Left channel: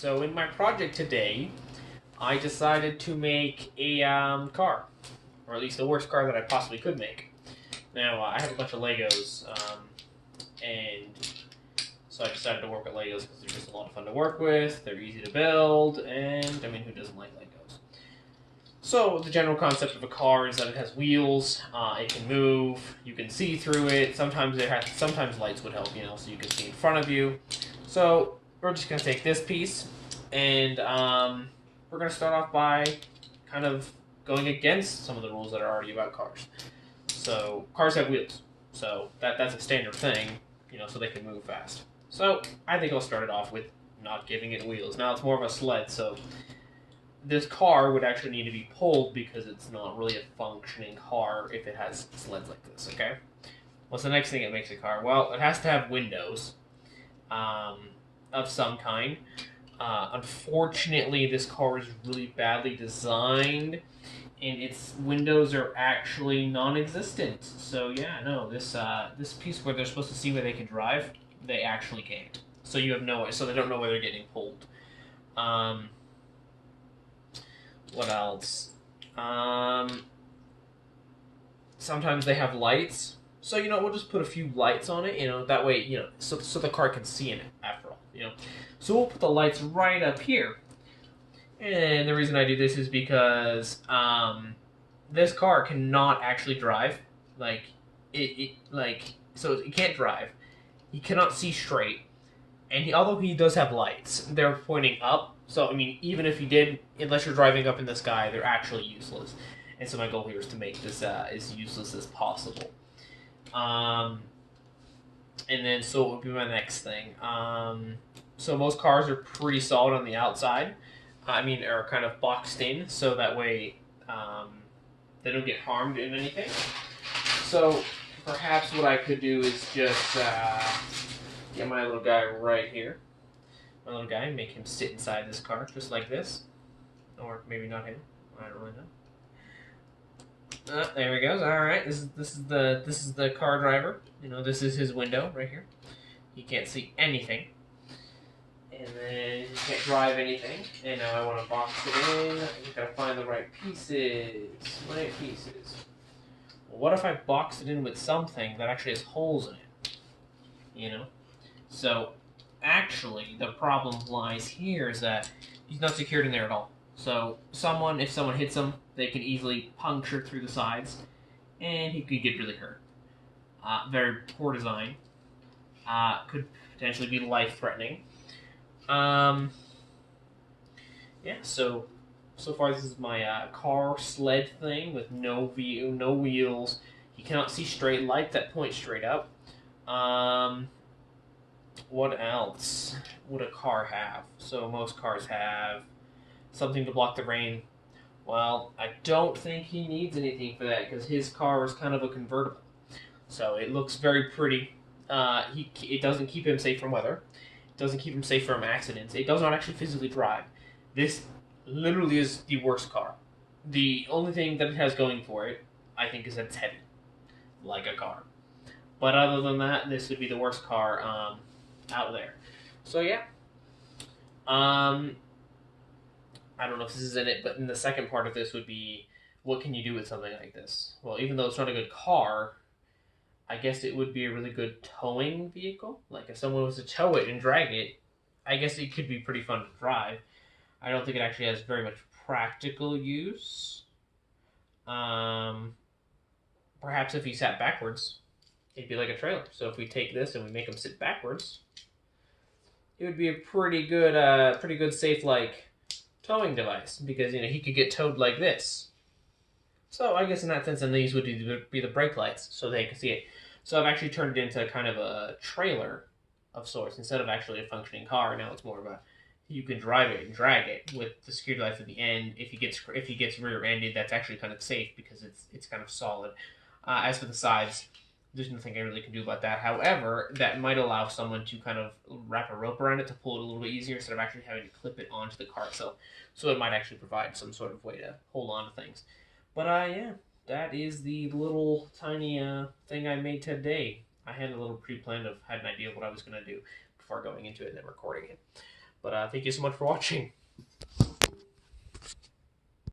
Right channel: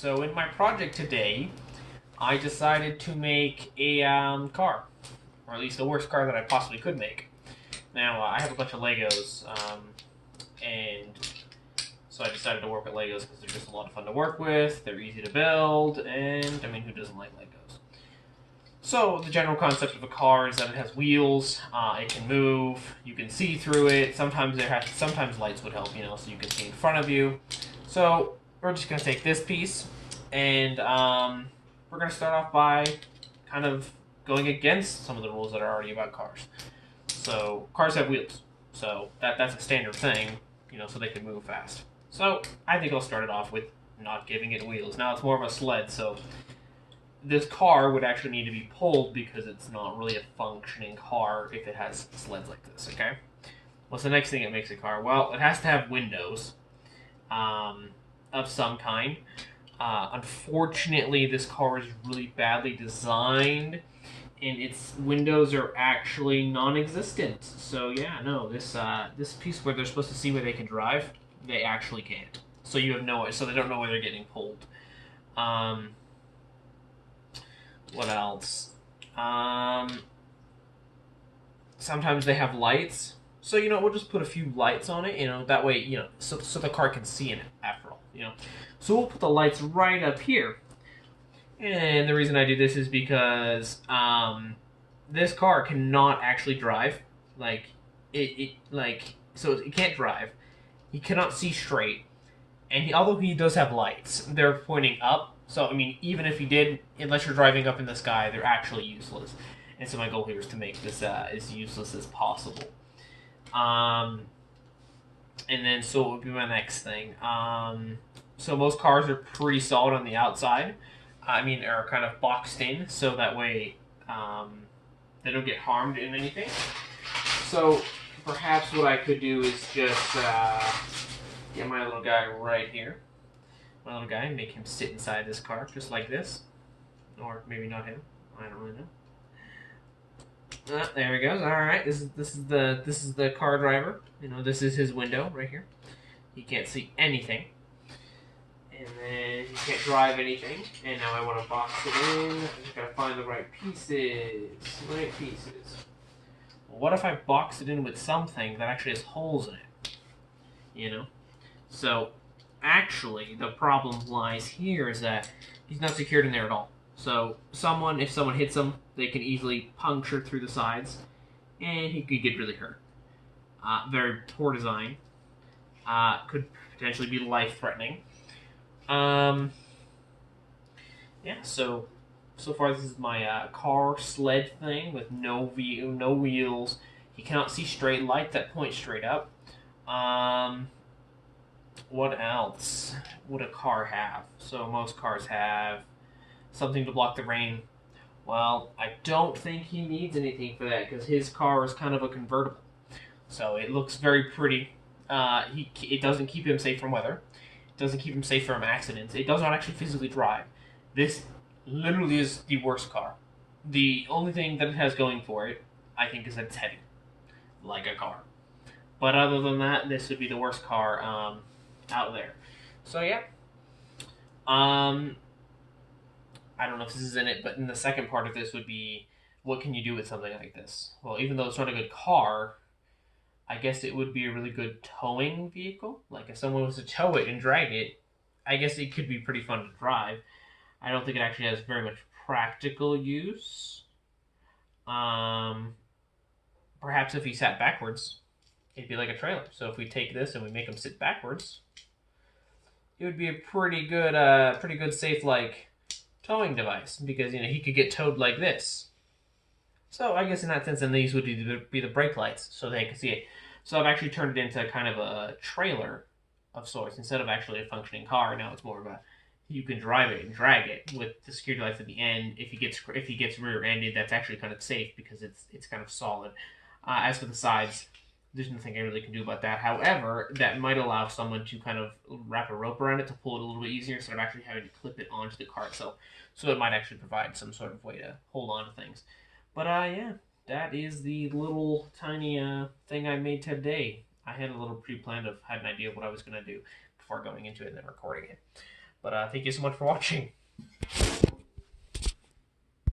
So in my project today, I decided to make a car, or at least the worst car that I possibly could make. Now I have a bunch of Legos, and so I decided to work with Legos because they're just a lot of fun to work with. They're easy to build, and I mean, who doesn't like Legos? So the general concept of a car is that it has wheels. It can move. You can see through it. Sometimes lights would help, so you can see in front of you. So we're just gonna take this piece, and we're gonna start off by kind of going against some of the rules that are already about cars. So cars have wheels, so that's a standard thing, so they can move fast. So I think I'll start it off with not giving it wheels. Now it's more of a sled, so this car would actually need to be pulled because it's not really a functioning car if it has sleds like this, okay? What's the next thing that makes a car? Well, it has to have windows of some kind. Unfortunately, this car is really badly designed, and its windows are actually non-existent. So yeah, no, this piece where they're supposed to see where they can drive, they actually can't. So you have so they don't know where they're getting pulled. What else? Sometimes they have lights. So, we'll just put a few lights on it, that way, so the car can see in it after all. So we'll put the lights right up here. And the reason I do this is because this car cannot actually drive. So it can't drive. He cannot see straight. And although he does have lights, they're pointing up. So, I mean, even if he did, unless you're driving up in the sky, they're actually useless. And so my goal here is to make this as useless as possible. And then, so what would be my next thing? So most cars are pretty solid on the outside. Are kind of boxed in, so that way they don't get harmed in anything. So perhaps what I could do is just get my little guy right here. My little guy, make him sit inside this car, just like this. Or maybe not him. I don't really know. There he goes. All right, this is the car driver. This is his window right here. He can't see anything, and then he can't drive anything. And now I want to box it in. I just gotta find the right pieces. Right pieces. Well, what if I box it in with something that actually has holes in it? So actually, the problem lies here is that he's not secured in there at all. So if someone hits him, they can easily puncture through the sides, and he could get really hurt. Very poor design. Could potentially be life-threatening. Yeah. So far this is my car sled thing with no wheels. He cannot see straight. Lights that point straight up. What else would a car have? So most cars have something to block the rain. Well, I don't think he needs anything for that because his car is kind of a convertible. So it looks very pretty. It doesn't keep him safe from weather. It doesn't keep him safe from accidents. It does not actually physically drive. This literally is the worst car. The only thing that it has going for it, I think, is that it's heavy. Like a car. But other than that, this would be the worst car out there. So yeah. I don't know if this is in it, but in the second part of this would be, what can you do with something like this? Well, even though it's not a good car, I guess it would be a really good towing vehicle. Like if someone was to tow it and drag it, I guess it could be pretty fun to drive. I don't think it actually has very much practical use. Perhaps if he sat backwards, it'd be like a trailer. So if we take this and we make him sit backwards, it would be a pretty good safe towing device because he could get towed like this. So I guess in that sense, then these would be the brake lights so they can see it. So I've actually turned it into kind of a trailer of sorts instead of actually a functioning car. Now it's more of you can drive it and drag it with the security lights at the end. If he gets rear-ended, that's actually kind of safe because it's kind of solid. As for the sides, there's nothing I really can do about that. However, that might allow someone to kind of wrap a rope around it to pull it a little bit easier instead of actually having to clip it onto the car itself. So it might actually provide some sort of way to hold on to things. But yeah, that is the little tiny thing I made today. I had a little pre-planned had an idea of what I was going to do before going into it and then recording it. But thank you so much for watching.